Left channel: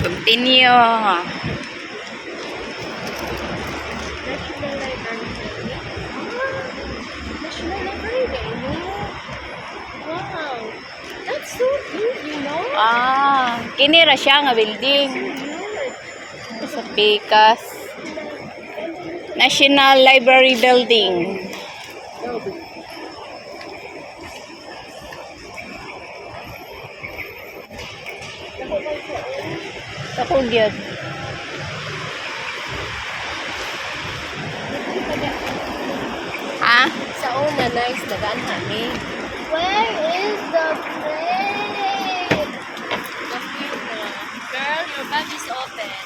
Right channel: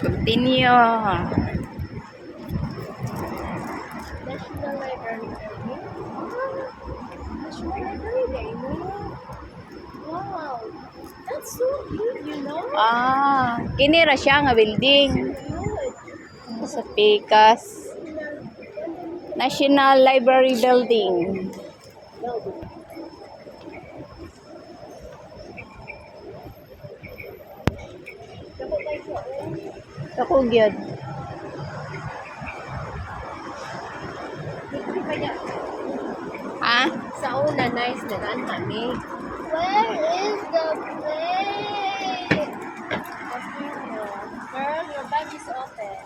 Continue. National Library Day. National Library Day. Wow. That's so big, you know? Kini ra siya nga building. Cute. Sa Pikas. National Library Building. Ako gyud. Ha? Sa una, nice na daan kami. Where is the plane? The view. Girl, your bag is open.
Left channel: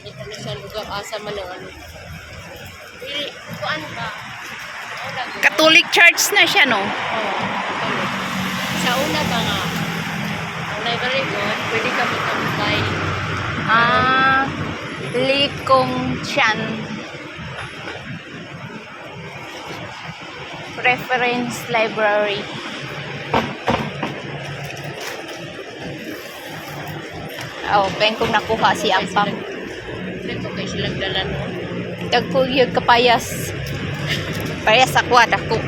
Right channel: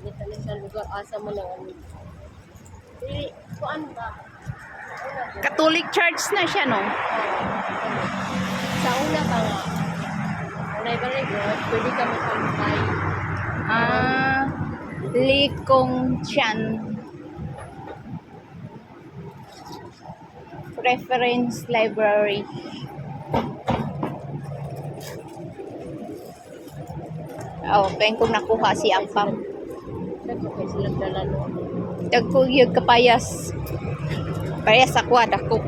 Hindi kami sa lugar asa man ang ano. Dili, kuan ba? Sa una, girl. Catholic Church na siya, no? Sa una ba nga? Ang library mo, pwede ka magtampay. Likong Chan. Reference Library. Pen kong nakuha si Ampam. Dito kayo silang dala no? Dagkuyog kapayas. Parehas ako at ako.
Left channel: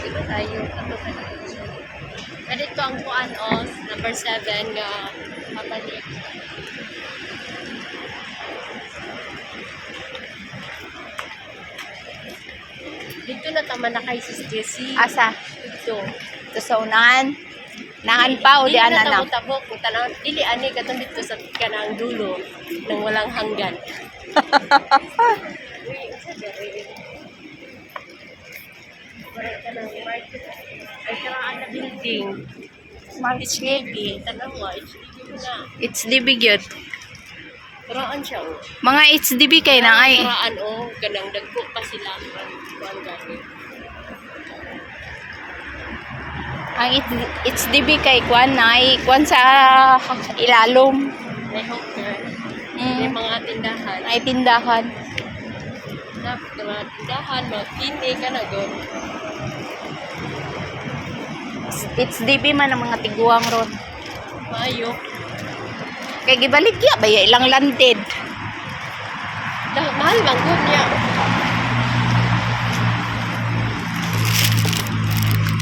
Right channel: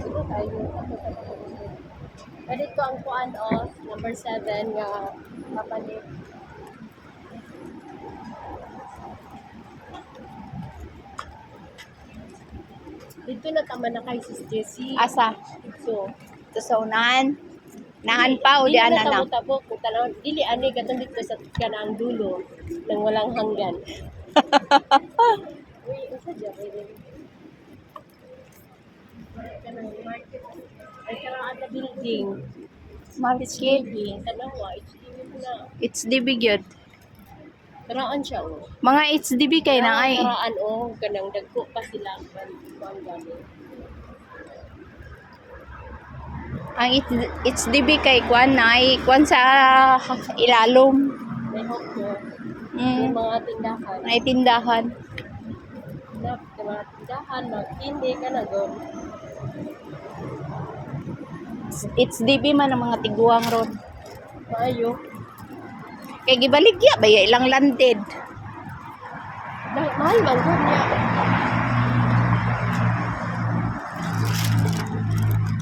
Dito tayo. Ato ka na ito. Dito ang kuan os, number 7 nga kapalik. Dito na tama na kay si Stacy. Asa? Dito. Ito sa unahan. Nahan pa o di ana na? Tabo-tabo. Kung tanaw, dili ani katong dito sa kanang dulo nang walang hanggan. Uy, asa diri? Para ka ng market. Ay, karaan na building. Market. HDB. Tanaw HDB mo na. It's DB gyud. Karaan siya, oh. Mga HDB kay na ay. Karaan, oh. Ganang dagko pa sila. Ang galing. Ang HDB kay kwan na ay kwan sa ilalom. May hawker. May Mm. mga tindahan. Ay tindahan. Mga tindahan, mga tindi ka na, go. HDB man ang mga tiguang ron. Maayo. Kay gibaligya ba ya ilang landed. Mahal lang good niya.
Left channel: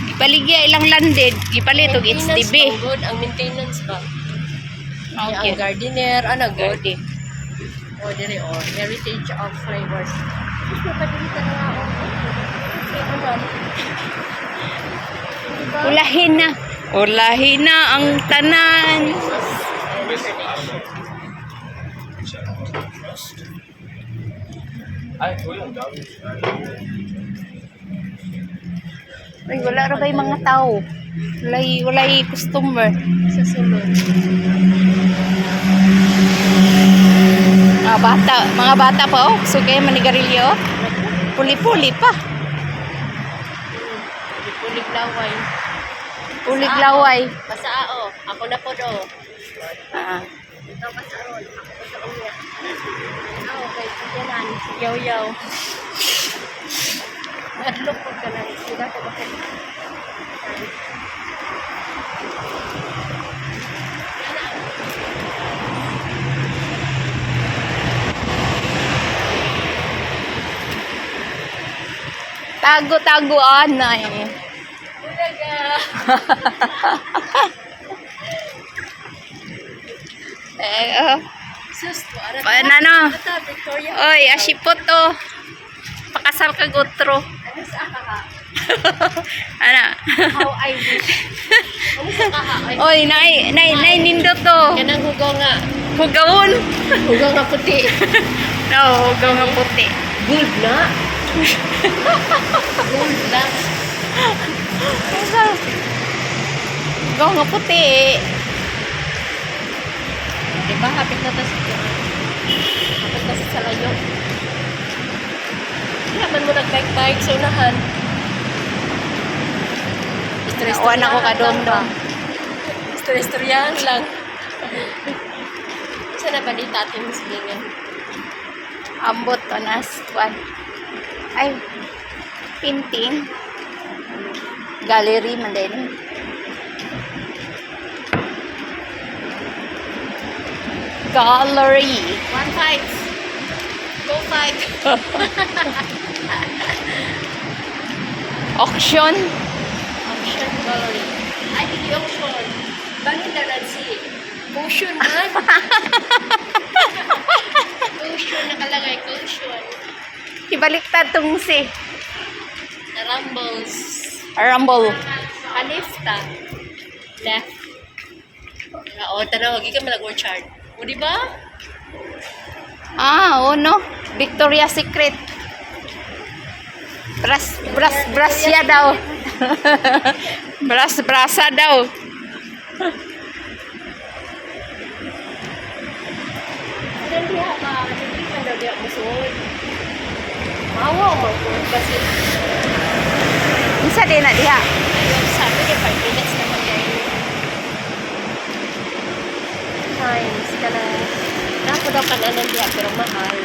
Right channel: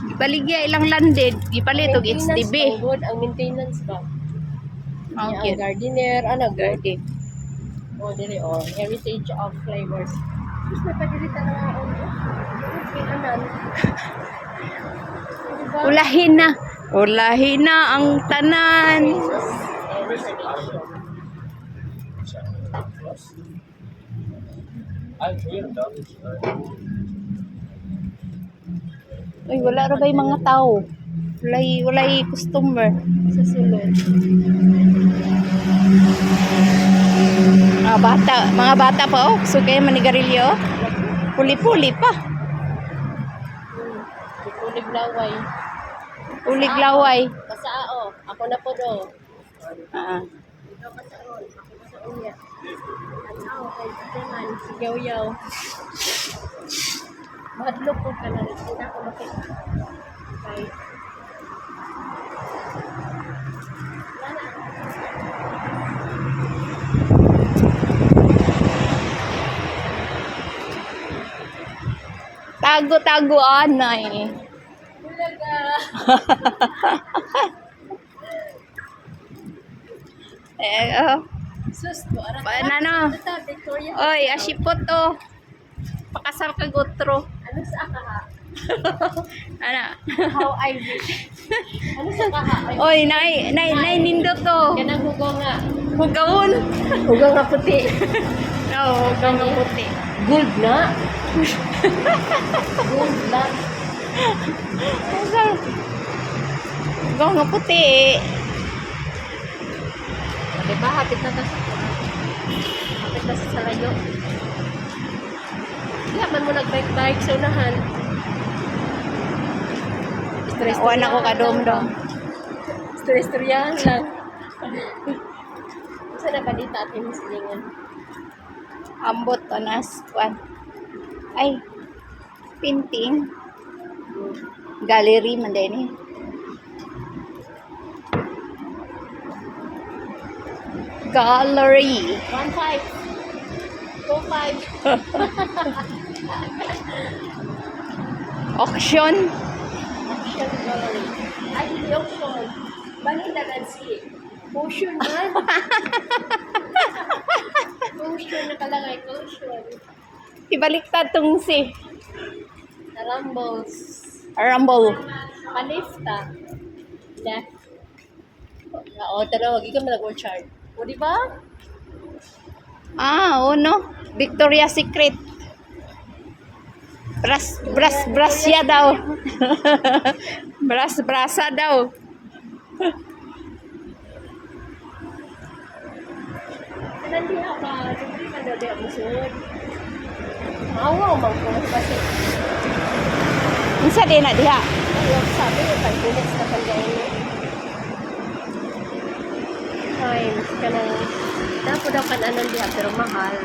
Gibaligya ilang landed, gipalit og HDB. Good ang maintenance ba? Okay. Ang gardener, ano good? Okay. O dili o heritage of flavors. Gusto pa dili ta nga o. Okay, ano? Ulahin na. Ulahin na ang tanan. Ay, wala ra bay mga tao. Walay customer. Sa sulod. Mga bata pa oh. So kaya manigarilyo. Puli-puli pa. Pulig laway. Pulig laway. Pasao. Ako na po do. Ah. Ikaw pasaon. Ako pasaon niya. Ako kay Tiyanan. Yaw-yaw. Madlok po ka lang. Sila ko bakit. Tago-tago anay. Bulaga. Sus po. Paano? Ata, Victoria. Oy, asipot to. Pakasal ka gutro. Ano sa kaka? Ana. How I wish. Ano sa kaka? Oy, nay nindot to. Kanang hugaw nga. Hugawon. Hugaw nga puti. No, hugaw nga puti. Good na. Good na. Hugaw nga puti. Diba, hapit na to sa hapit na sa layo. Hindi naman mo nag-bike-bike sa unahan. Nakuha ako kadong-dong. Istoryahan lang. Saan na balita atin mo silingan? Ambot to nas kwan. Ay, pinting. Gallery man din eh. Gallery. One fight. Go fight. Auction. Auction gallery. Ay, hindi auction. Bangin na lang si Cushion man. Cushion nakalagay. Cushion. Ibaliktad tong si Rumbles. Rumble. Alifta. Left. Oo, tanaw. Wagi ka malag-orchard. O, di ba? Ah, oh no. Victoria's Secret. Brasya daw. Brasa daw. Ano diha ba? Hindi man daw diha musuod. Mawa mo ko kasi Unsa din na diha? ayun sabi niya 5 minutes na man dahil times ka na napo daw kananan diha pero mahal.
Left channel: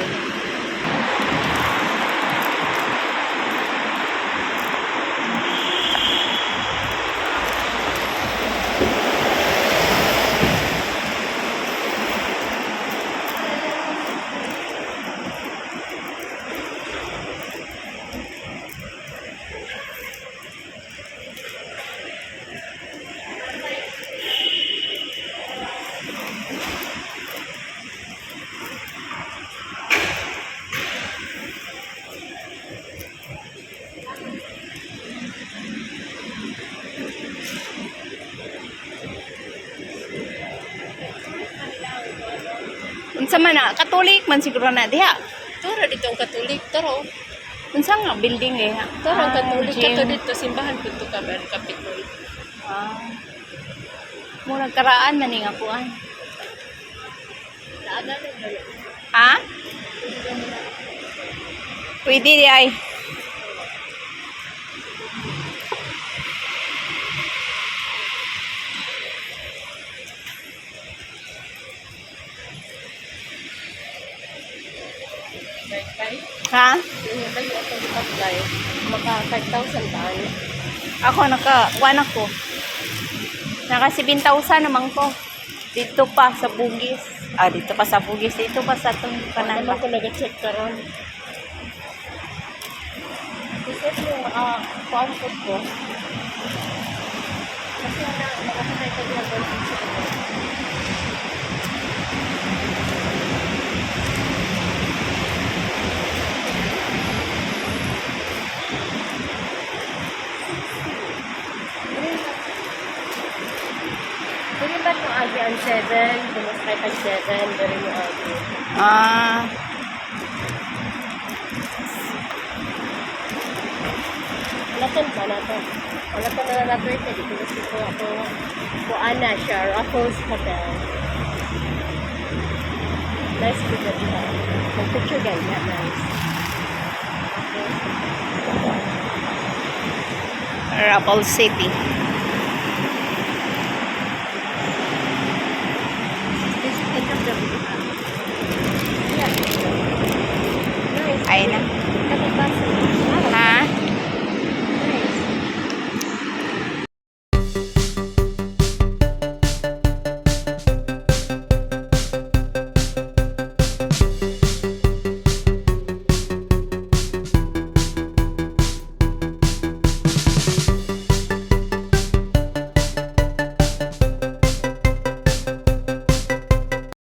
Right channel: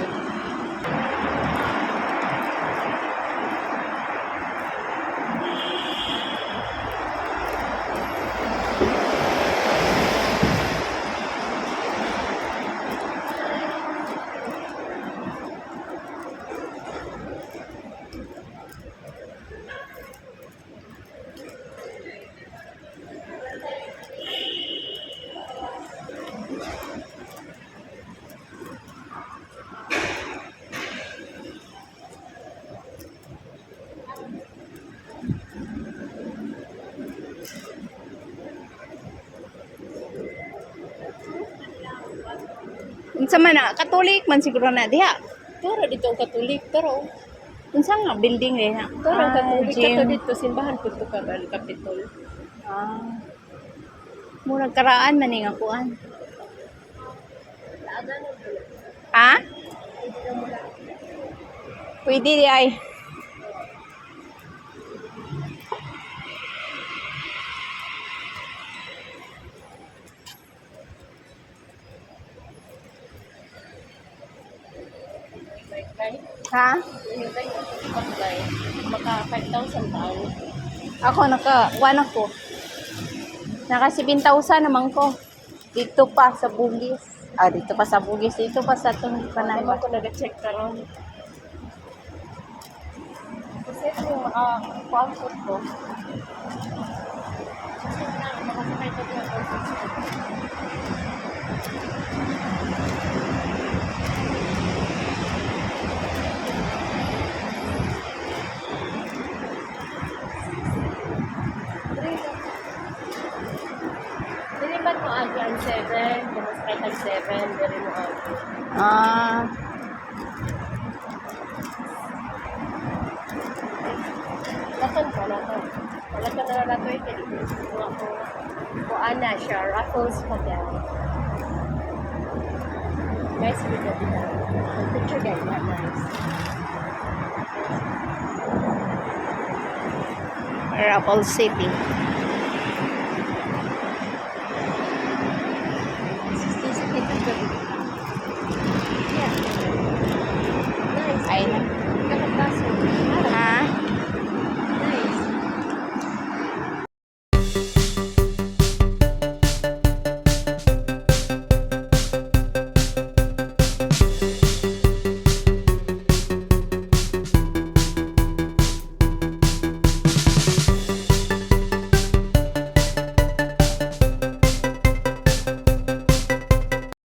Unsa man na Katolik man siguro na diha. Tara dito ang Katolik, taro. Unsa nga building eh? Tara ang Katolik gym. kato dito simbahan pud to ka ba Kapitol. Ah. Mo nagkaraan man nga kuan. Naaga na dalo. Ha? Pwede di ay. Kay Ha? yung ba yung auto apply maka 5,000 taan. Ako kuan ako. Naka 7,000 naman ko. Dito pa sa Bugis. Ah, dito pa sa Bugis. Dito pa sa itong kanan Naman ba? ko nag-check karon. Kasi yung pamphlet ko. Kasi na makakita ko yung concept ko. Dili ba itong agi ang 7? Pumasakay ang 7, dali mo agi. Ah. Laton pa, laton. Laton na laton ko. Dito gusto ko ako. Kuan na siya. Raffles Hotel. Nice video diba? Mag-picture ganyan. Nice. Rapple City.